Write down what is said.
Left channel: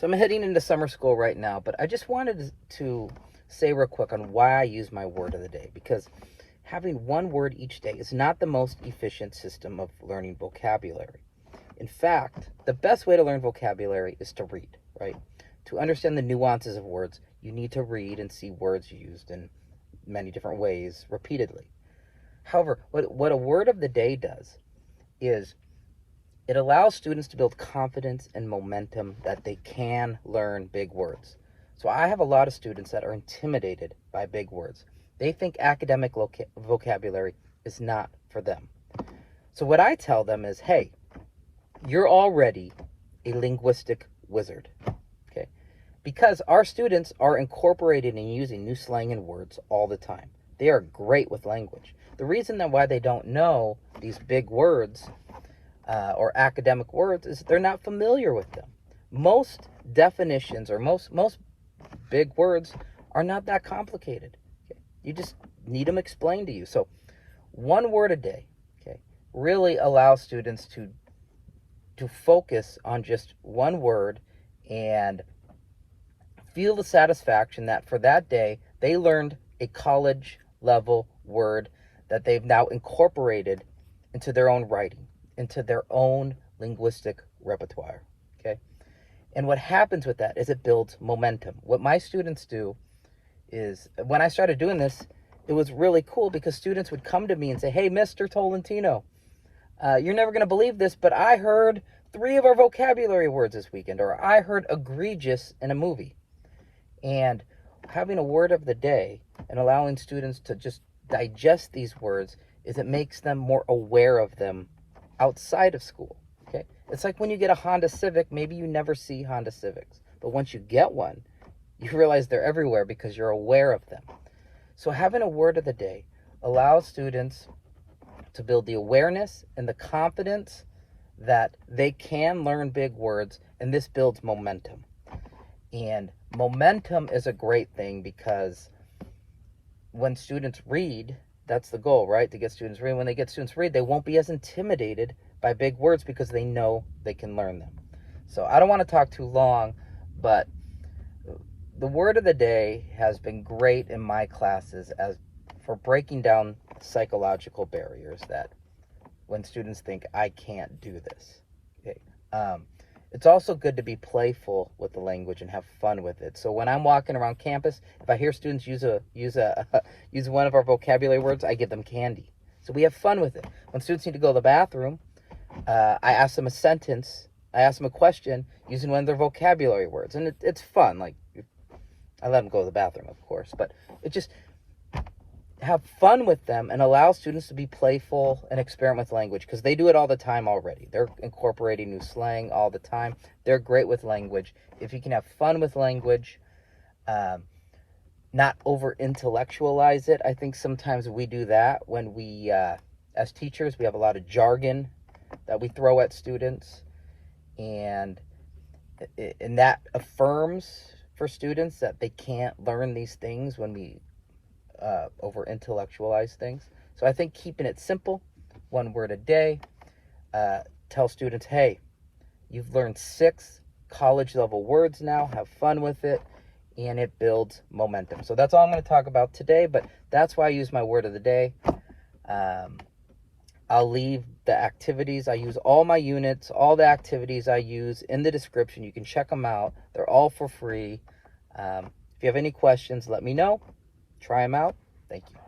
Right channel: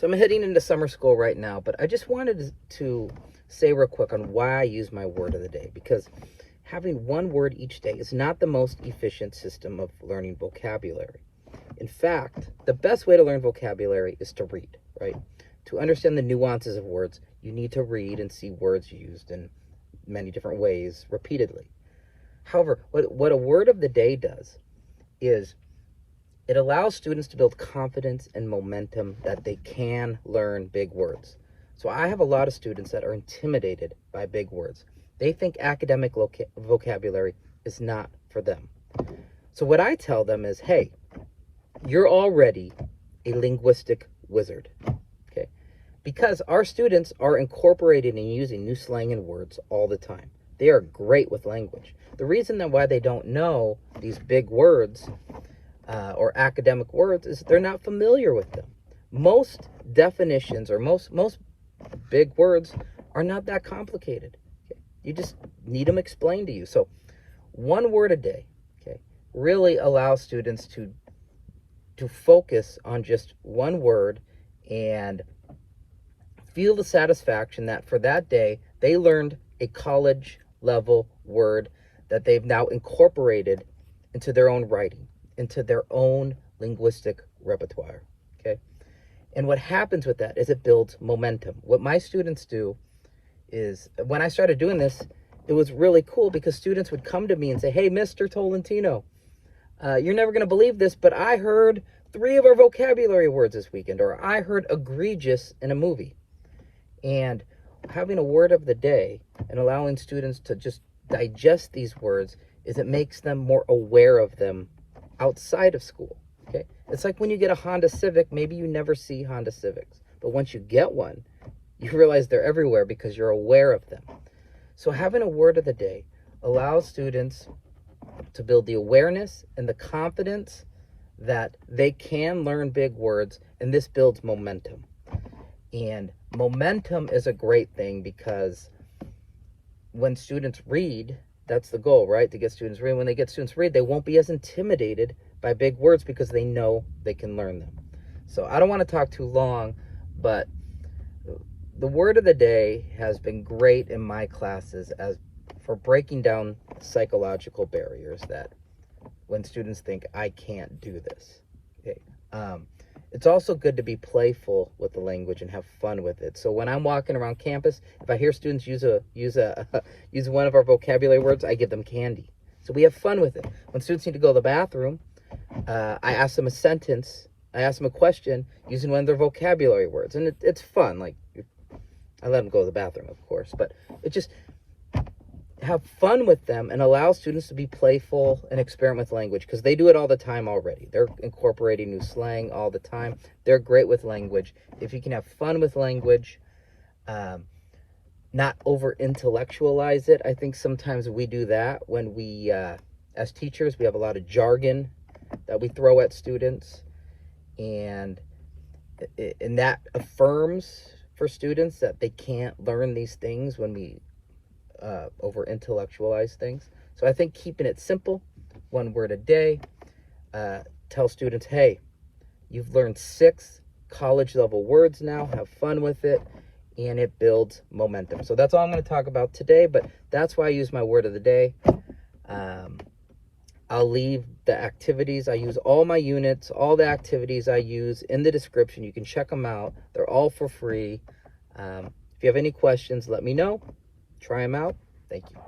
So I'm heading into summer school right now, but I just wanted to say real quick on why I use my word of the day, because having one word each day is not the most efficient system of learning vocabulary. In fact, the best way to learn vocabulary is to read, right? To understand the nuances of words, you need to read and see words used in many different ways repeatedly. However, what a word of the day does is it allows students to build confidence and momentum that they can learn big words. So I have a lot of students that are intimidated by big words. They think academic vocabulary is not for them. So what I tell them is, hey, you're already a linguistic wizard, okay? Because our students are incorporating and using new slang and words all the time. They are great with language. The reason that why they don't know these big words or academic words is they're not familiar with them. Most definitions or most big words are not that complicated. Okay? You just need them explained to you. So one word a day, okay, really allows students to focus on just one word and feel the satisfaction that for that day they learned a college level word that they've now incorporated into their own writing, into their own linguistic repertoire, okay? And what happens with that is it builds momentum. What my students do is, when I started doing this, it was really cool because students would come to me and say, hey, Mr. Tolentino, you're never going to believe this, but I heard 3 of our vocabulary words this weekend, or I heard egregious in a movie. And having a word of the day and allowing students to just digest these words is it makes them more aware of them outside of school, okay? It's like when you get a Honda Civic, maybe you never see Honda Civics, but once you get one, you realize they're everywhere because you're aware of them. So having a word of the day allows students to build the awareness and the confidence that they can learn big words, and this builds momentum. And momentum is a great thing because when students read, that's the goal, right? To get students reading. When they get students read, they won't be as intimidated by big words because they know they can learn them. So I don't want to talk too long, but the word of the day has been great in my classes as for breaking down psychological barriers that when students think, I can't do this. Okay. It's also good to be playful with the language and have fun with it. So when I'm walking around campus, if I hear students use one of our vocabulary words, I give them candy. So we have fun with it. When students need to go to the bathroom, I ask them a sentence. I ask them a question using one of their vocabulary words, and it's fun. Like I let them go to the bathroom, of course, but it just have fun with them and allow students to be playful and experiment with language because they do it all the time already. They're incorporating new slang all the time. They're great with language. If you can have fun with language, not over intellectualize it. I think sometimes we do that when we, as teachers, we have a lot of jargon that we throw at students, and that affirms for students that they can't learn these things when we over intellectualize things. So I think keeping it simple, one word a day, tell students, hey, you've learned 6 college level words now, have fun with it, and it builds momentum. So that's all I'm going to talk about today, but that's why I use my word of the day. I'll leave the activities. I use all my units, all the activities I use in the description. You can check them out. They're all for free. If you have any questions, let me know. Try them out. Thank you.